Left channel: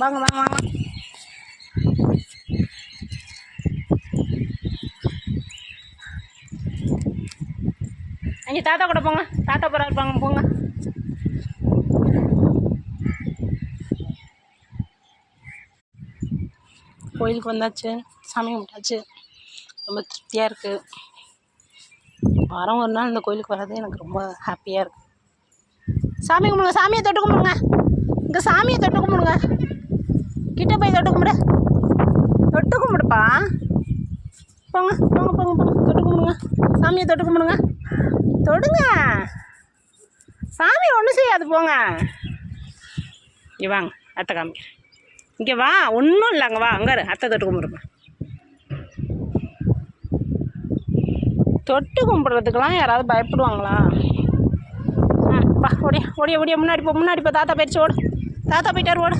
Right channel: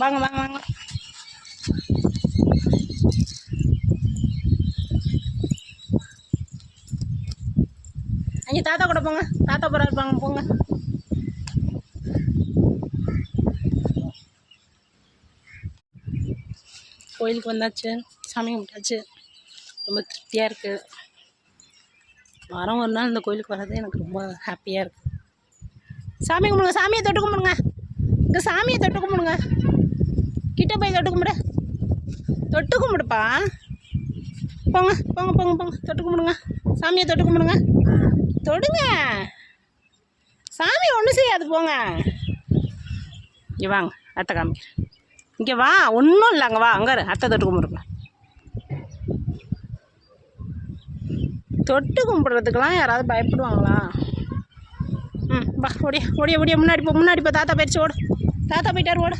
வாங்க வாங்க வாங்க. அங்கே தாத்தா கூட போங்க, தாத்தா போகிறா இருப்பாங்க, போங்க. கோயிலுக்கு வந்தாச்சு, சாமி கும்பிட்டாச்சு, ரொம்ப திருப்தியாக இருக்குது. வாரம் ஒரு நாள் இந்த கோயிலுக்கு வர்றது எனக்கு ரொம்ப ஹாப்பியாக இருக்குது. சாமி கும்பிடுங்க, சாமியை தொட்டு கும்பிடுங்க, இங்கே சாமியை தொட்டு கும்பிடுங்க, கிட்ட போய் தொட்டு கும்பிடு, தொட்டு கும்பிடுப்பா. போங்க போங்க போங்க போங்க, தொட்டு கும்பிடுங்க, சாமியை தொட்டு கும்பிடுங்க, தொடுங்க. சாமி ஒன்றும் செய்யாது, போங்க. இங்கே வாங்க, அத்தை காமிக்கிறேன். இங்கே வா, ஒன்றும் இல்லை, அங்கே வா, அங்கே அத்தை தொட்டு கும்பிடுங்க. தொட்டு கும்பிட்றதுக்கெலாம் யாராவது பயப்படுவாங்களா? வா, ஓடியா ஓடியா ஓடியா, முன்னாடி போ, முன்னாடி போ, தாத்தா போயிடுச்சு, ஓடு, தாத்தா போயிட்டார், ஓடு.